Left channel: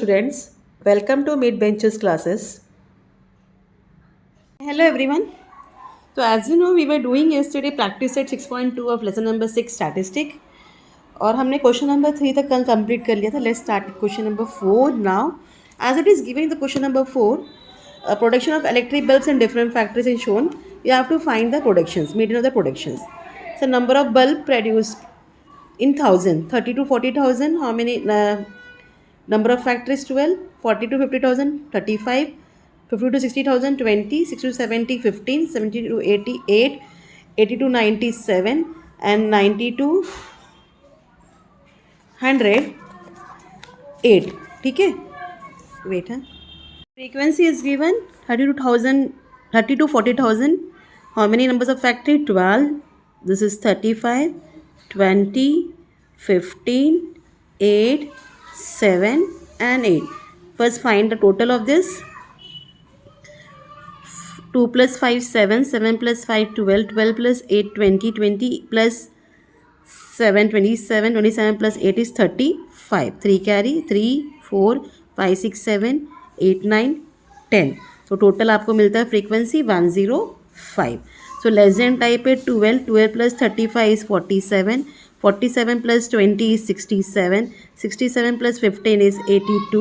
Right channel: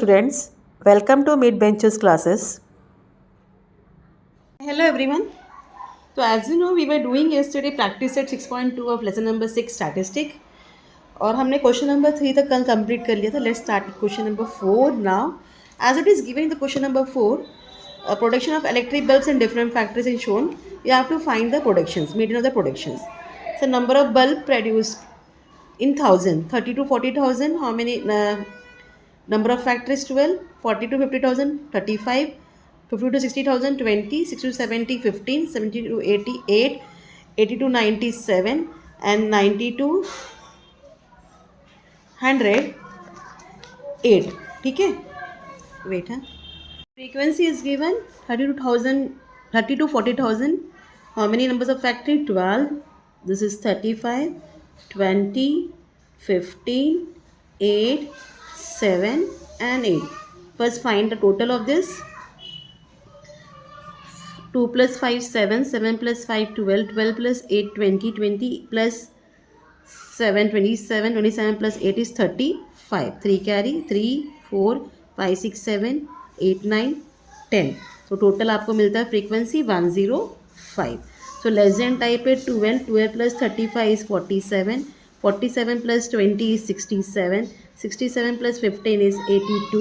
students, welcome to Mid Benches classes. Hello everyone. So as you know, we were doing yesterday practice set 6.2 of lesson number 6 statistic और हमने question number 3 तक कल complete कर लिया था. Let's start question number 4 now. As it is given the question number 4, production of electric bulbs in different factories is shown. You have to find the productions, median of the productions. So number of bulb produced in 1000, 30 to 40,000. How many? Number of factories 12, 40 to 50,000 35, 50 to 60,000 20, 60 to 70 15, 70 to 88, 80 to 97 and 90 to 108. ठीक है, wait है. Frequency is given 30 to 40,000. How many numbers of factory? 12. This is 35, 20, 15, 8, 7 and 8. First find the total of this. 2 plus 5 7, 7 plus 5 12, 12 plus 8 20, 20 plus 7 27, 27 plus 8 is 35. 3 carry 3 4 5 6 7 8 9 10. So total आपको मिलता है frequency 105. So less than type है 12. 12 plus 35 is 47. 47 plus 20 is 67. 67 plus 15 is 82.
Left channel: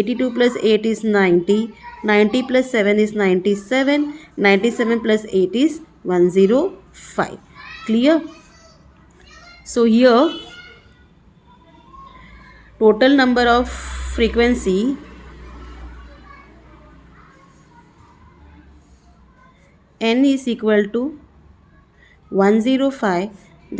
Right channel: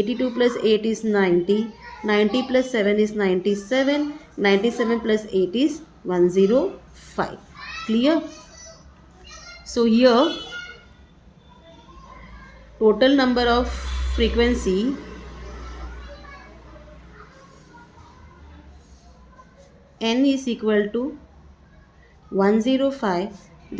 82 plus 8 is 90. 90 plus 7 is 97. 97 plus 8 is 105. Clear? So here total number of frequency n is equal to 105.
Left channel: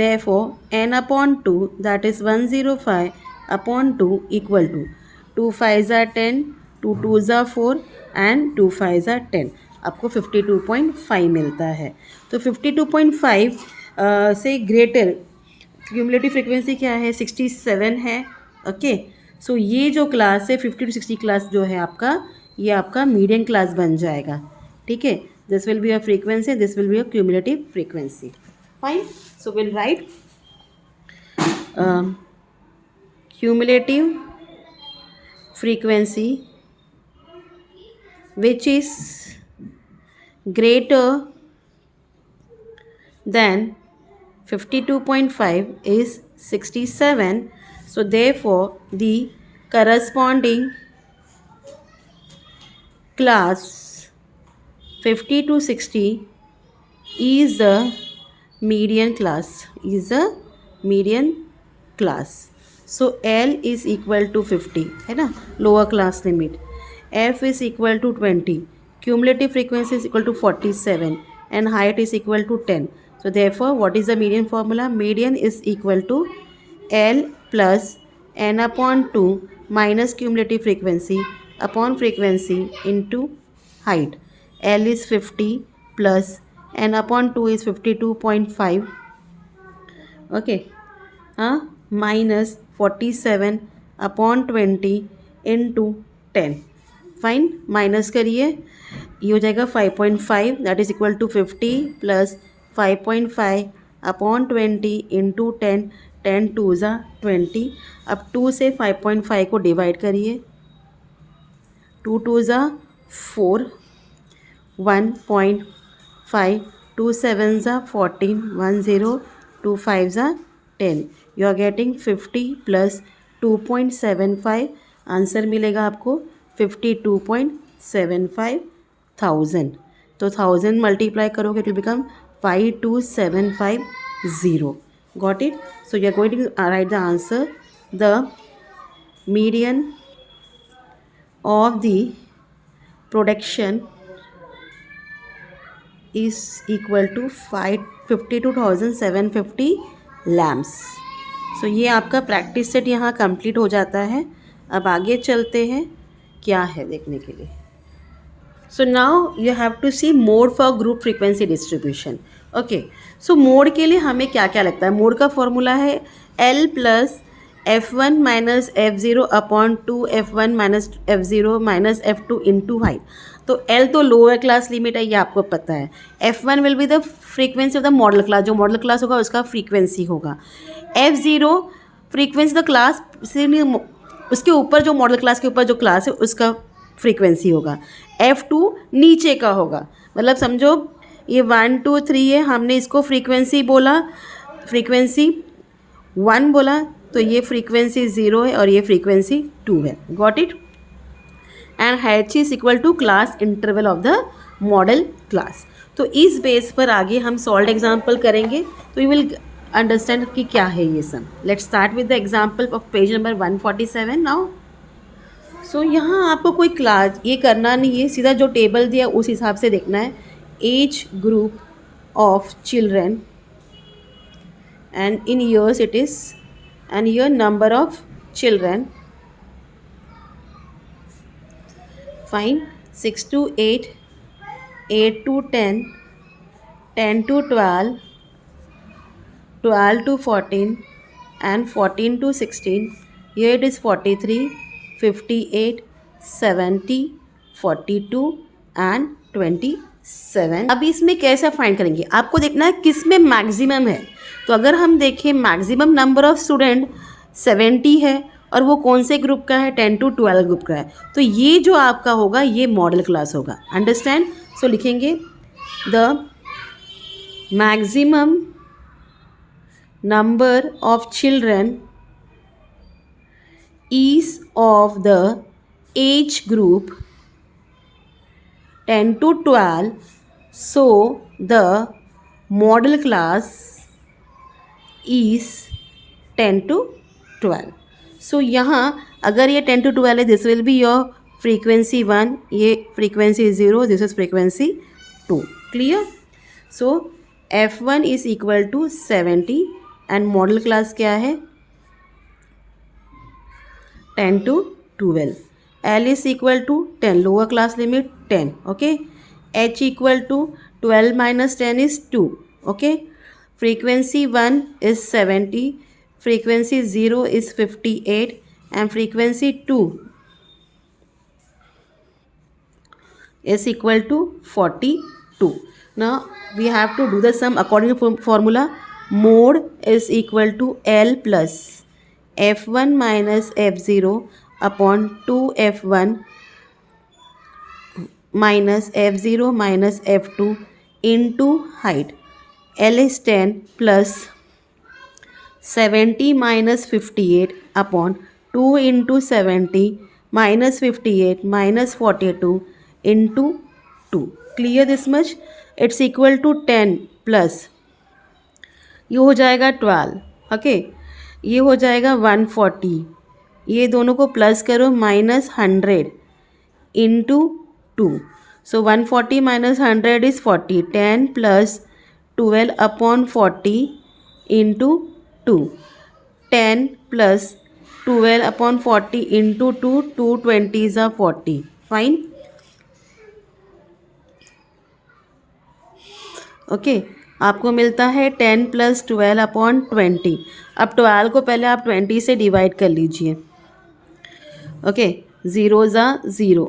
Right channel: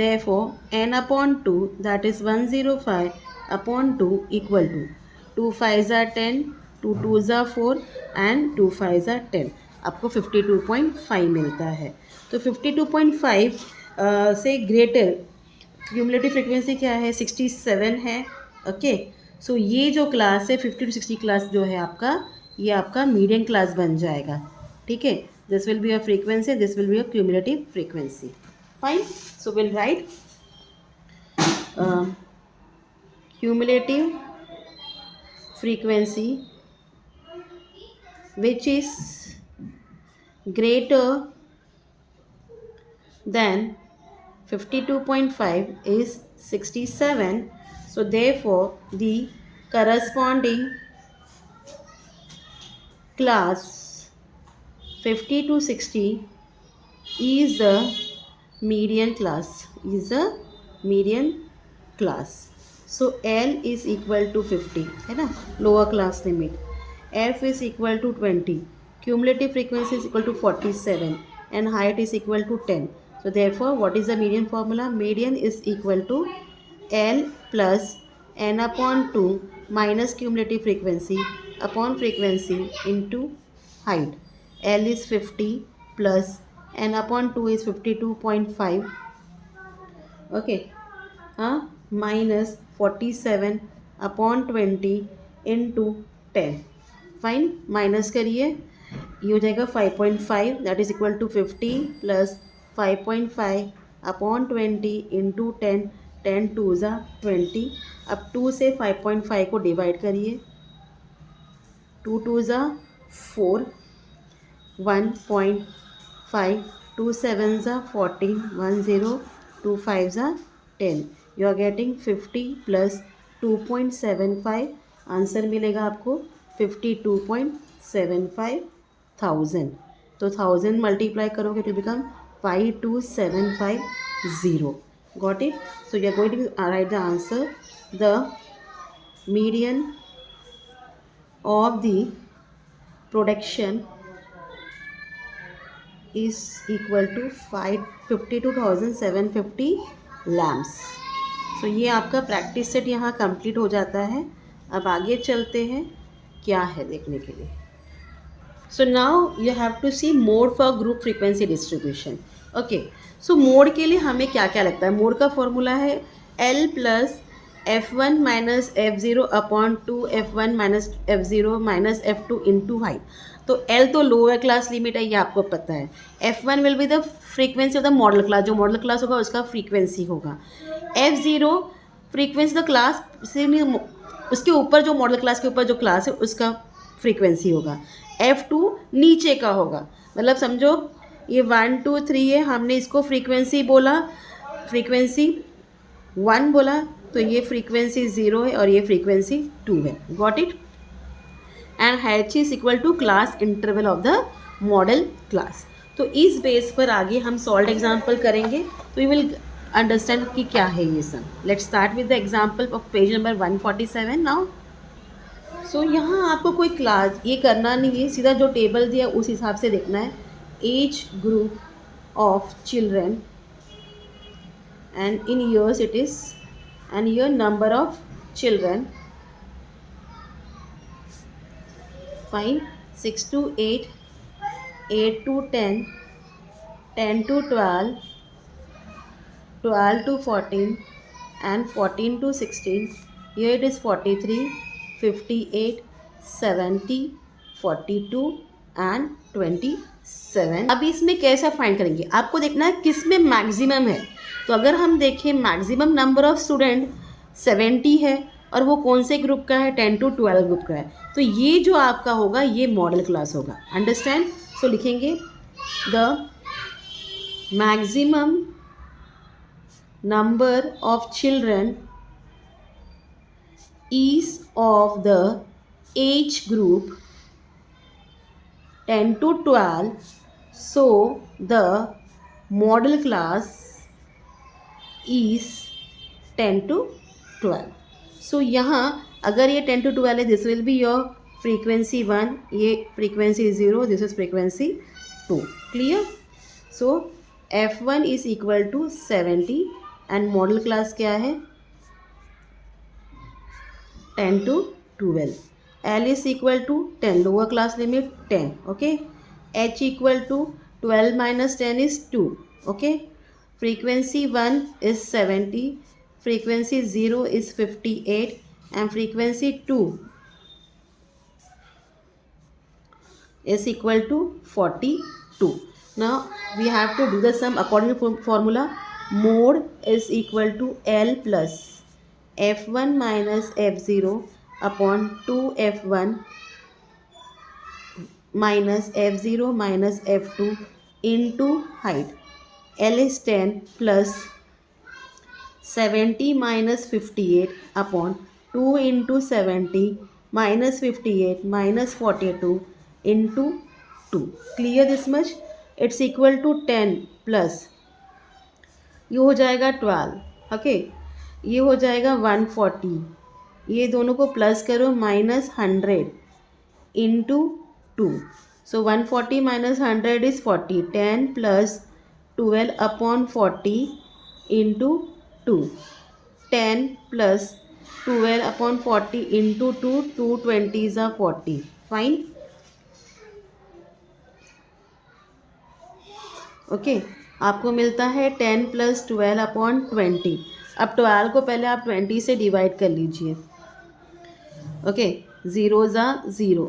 Therefore n upon 2, that is 105 upon 2 equal to 2 5s are 10, 2 2s are 4 and 2 5s are 10. आपको 52.5 मिलता है. तो 52.5 से greater cumulative frequency क्या है? 67 है. Okay, सो ये जो क्लास है 50 to 60 क्लास जो है आपका, ये आपका मीडियम क्लास बन जाएगा. ठीक है, this will be a frequency, this will be a cumulative frequency. Fine. So will write cumulative frequency which is greater than 52.5 is 67. So therefore the corresponding class 50 to 60 is a median class, is a median class. So L is equal to 50 है ना, lower class limit. F is equal to 20. Cumulative frequency is equal to 47 and height is equal to 10. So therefore what is the median formula? Median is equal to L plus n upon 2 minus cumulative frequency upon frequency into height. L is 50 plus n upon 2 is 52.5. Okay, minus 47 upon 20 into 10. Fine, minus करिए, ये हो जाएगा 5.5. That is equal to 50 plus 5.5 upon 20 into 10. 10 2 ज़ा 20. अब 2 से 5.5 को divide करिए. 2 2 ज़ा 4. 1.5. 2 7 ज़ा 14. 1 0. 2 5 ज़ा 10. You are getting 50 plus 2.75. Answer मिलेगा आपको 52.75 थाउजेंड. तो 1000 मल्टीप्लाई करोगे it will become 52750. Got it? So you are going to write the answer. The median of the production is equal to 52,750 lamps. So ये आपका प्रैक्टिस सेट यहाँ complete हो जाता है. अब आगे चलते हैं क्या है देखने के लिए. So now you have to see mode for group frequency distribution. Okay, so mode के लिए हमें क्या क्या लगता है? मोड का फॉर्मूला है L plus F1 minus F0 upon 2 F1 minus F0 minus F2 into height. तो L तो लोअर क्लास लिमिट है, ये आपको पता है. F1 will be the frequency of the modal class. जो मॉडल क्लास होगा उसका फ्रीक्वेंसी होगा. F0 फ्रीक्वेंसी द क्लास से उसके ऊपर जो मॉडल क्लास के ऊपर जो क्लास है उसका फ्रीक्वेंसी होगा। F2 नीचे का होगा, मतलब समझो ये 1 2 3 है, हमने इसको फ्रीक्वेंसी बोला, फ्रीक्वेंसी 1 बोला, तो ये फ्रीक्वेंसी 0 है और ये फ्रीक्वेंसी 2 है। Got it? And h is equal to class interval of the modal class. तो इस बेस पर आगे हम सॉल्व एग्जाम्पल करेंगे, तो यू विल अंडरस्टैंड कि क्या है ये सब। Let's start with the example of page number 147 now. So यहाँ आपको कोई क्लास ये करना नहीं है, सीधा जो टेबल दिया उस हिसाब से देखना है। Age group of children and in years it is, and here number of children. Fine. 6 to 8, 8 to 10, 10 to 12, 12 to 14, and 14 to 16. Here it is 43, 58, 70, 42 and 27. अभी इसमें कैसा फाइंड करेंगे, आपको देखना है किस में मैक्सिमम है। तो अगर हम देखें मैक्सिमम नंबर ऑफ स्टूडेंट 70 है और वो कौन से ग्रुप का है, 10 to 12 ग्रुप का है, तो ये जो आपका होगा ये मॉडल क्लास होगा। अंडरस्टैंड? सो लिखेंगे the maximum number of children is of the age group 10 to 12, so the model class is 10 to 12. So यहाँ अगर ये 10 to 12 है, this will be your frequency 1, ये frequency 0, this is frequency 2. Clear? So F1 is equal to 70 and model class क्या है, 10 to 12. L is equal to 10, lower class limit 10. Okay. H equal to 12 minus 10 is 2. Okay. Frequency 1 is 70, frequency 0 is 58 and frequency 2 is equal to 42. Now we have to do the sum according to formula. Mode is equal to L plus F1 minus F0 upon 2F1 minus F0 minus F2 into height. L is 10 plus 70 minus 58 upon 2 into 70 minus 58 minus 42 into 2. Clear this much? It's equal to 10 plus ये हो जाएगा 12. Okay, ये हो जाएगा 140, ये दोनों को plus करो minus 100 into 2. So 140 minus 100 is 40. 10 plus 12 upon 40 into 2. 10 plus 12 upon 40 into 2, 220 are 40. Fine. Okay, आपको मिलता है 10 प्लस 12 अपॉन 20. अब 12 को पहले आप 20 से डिवाइड कर लीजिए. ओके, 0 ज़ा 0,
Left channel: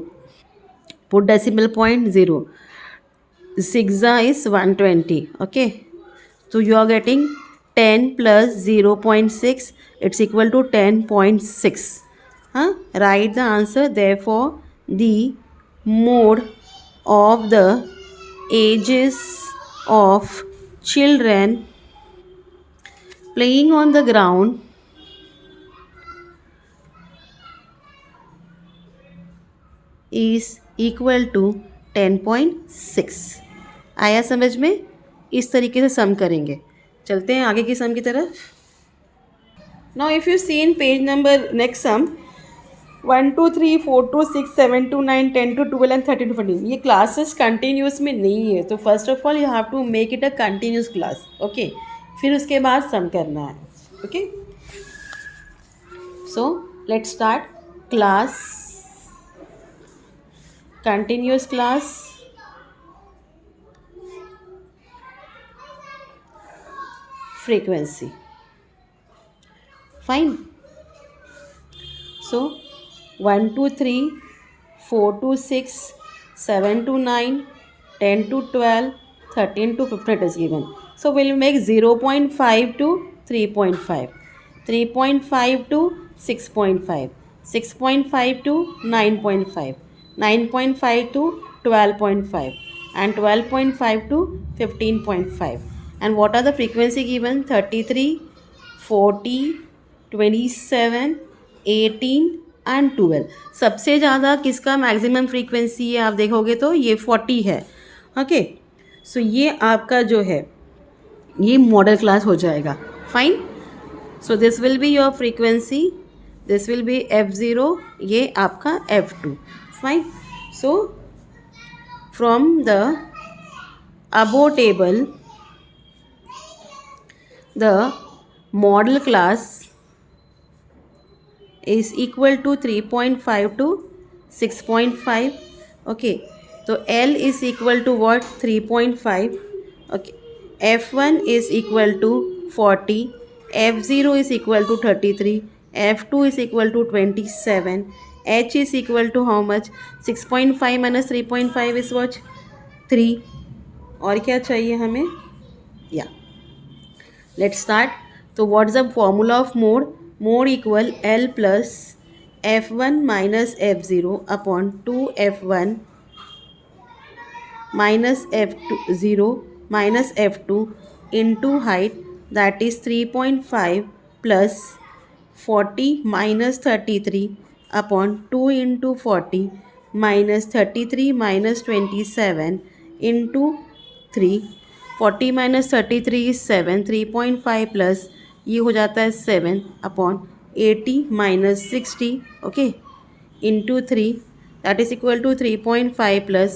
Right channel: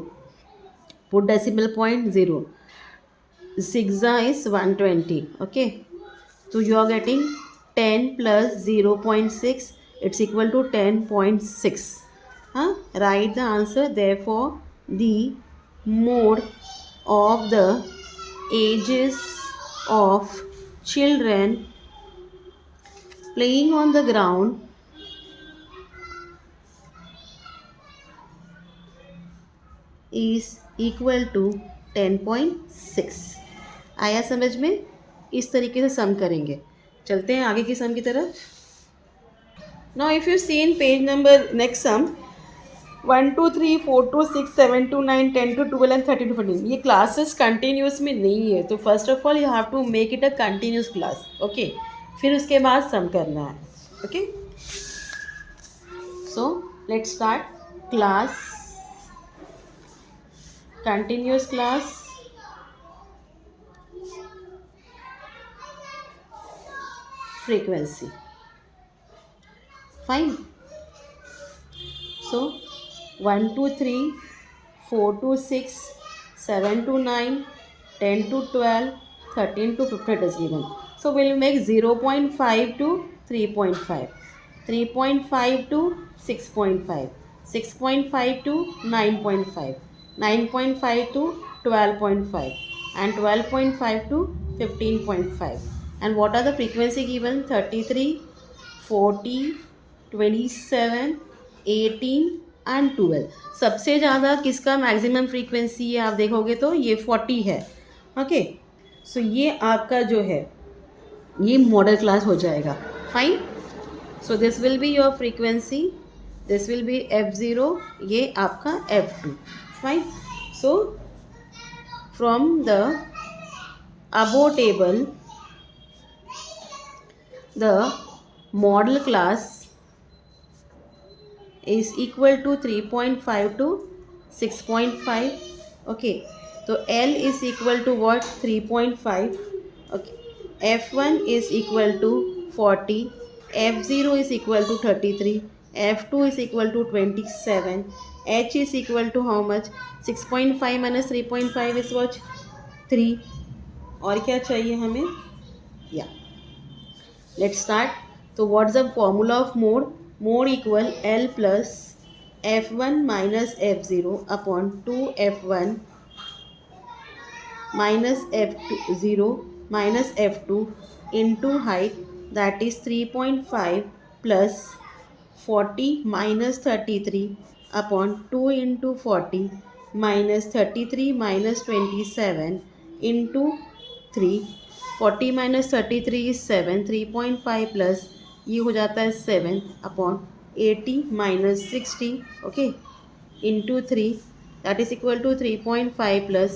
पुट डेसिमल पॉइंट 0. 6 ज़ा इज़ 120. ओके, तो you are getting 10 plus 0.6, it's equal to 10.6. हाँ, right the answer. Therefore the mode of the ages of children playing on the ground is equal to 10.6. आया समझ में? इस तरीके से सम करेंगे. चलते हैं आगे की सम की तरफ. Now if you see in page number next sum 1 2 3 4 2 6 7 2 9 10 to 12 and 13 to 14, ये क्लासेस कंटिन्यूस में नहीं है, तो first of all you have to make it a continuous class. Okay, फिर उसके बाद सम करना है. Okay, so let's start. Class, continuous class, frequency. Fine. So 1 to 3, 4 to 6, 7 to 9, 10 to 12, 13 to 15 is given. So we'll make 0.5 to 3.5, 3.5 to 6.5, 6.5 to 9.5, 9.5 to 12.5, and 12.5 to 15.5. And what are the frequency given? 33, 40, 27, 18 and 12. सबसे ज़्यादा किसका maximum frequency है आप देखोगे तो ये 40 है. Okay, सो ये आपका जो है ये मॉडल क्लास हो जाएगा. Fine. So this will be your frequency, this will be F0, ये आपका F2. Fine. So from the above table the model class is equal to 3.5 to 6.5. okay, so L is equal to what? 3.5. okay, F1 is equal to 40, F0 is equal to 33, F2 is equal to 27, H is equal to how much? 6.5 minus 3.5 is what? 3. और क्या चाहिए हमें? या let's start. तो what's the formula of mode? Mode equal L plus F1 minus F0 upon 2F1 minus F0 minus F2 into height, that is 3.5 plus 40 minus 33 upon 2 into 40 minus 33 minus 27 into 3. 40 minus 33 is 7. 3.5 plus ये हो जाता है 7 upon 80 minus 60. Okay, into 3, that is equal to 3.5 plus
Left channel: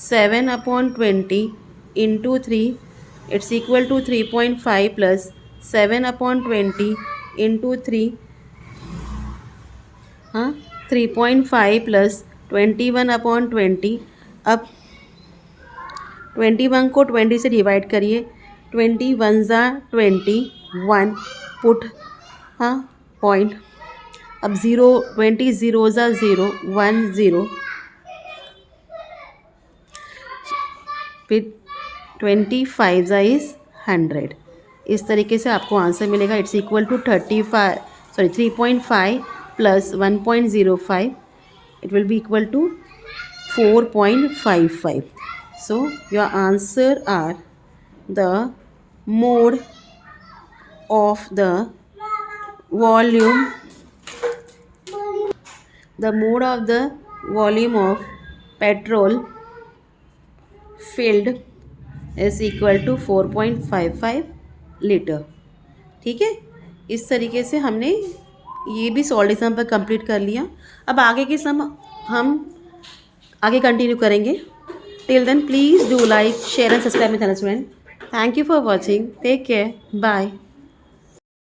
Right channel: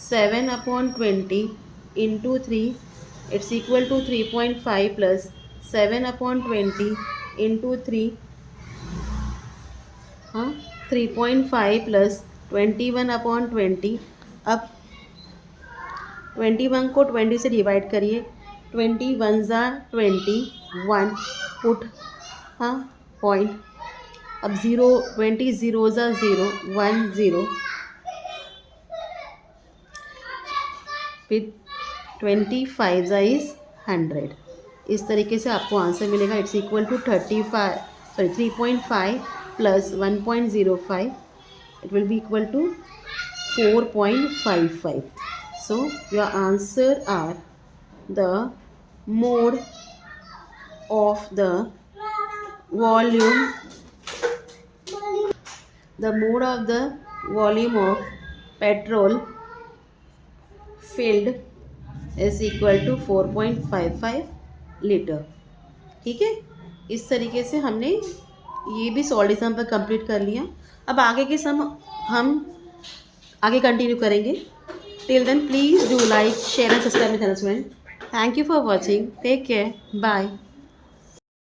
7 upon 20 into 3. It's equal to 3.5 plus 7 upon 20 into 3. हाँ, 3.5 plus 21 upon 20. अब 21 को 20 से divide करिए. 21 ज़ा 21, पुट हाँ पॉइंट. अब 0, 20 0 ज़ा 0, 1 0, फिर 25 ज़ा इज़ 100. इस तरीके से आपको आंसर मिलेगा. It's equal to 3.5 plus 1.05. It will be equal to 4.55. So your answer are the mode of the volume, the mode of the volume of petrol filled is equal to 4.55 litre. ठीक है, इस तरीके से हमने ये भी solution पर complete कर लिया. अब आगे के सम हम आगे कंटिन्यू करेंगे. Till then, please do like, share and subscribe my channel, friend. Thank you for watching. Take care. Bye.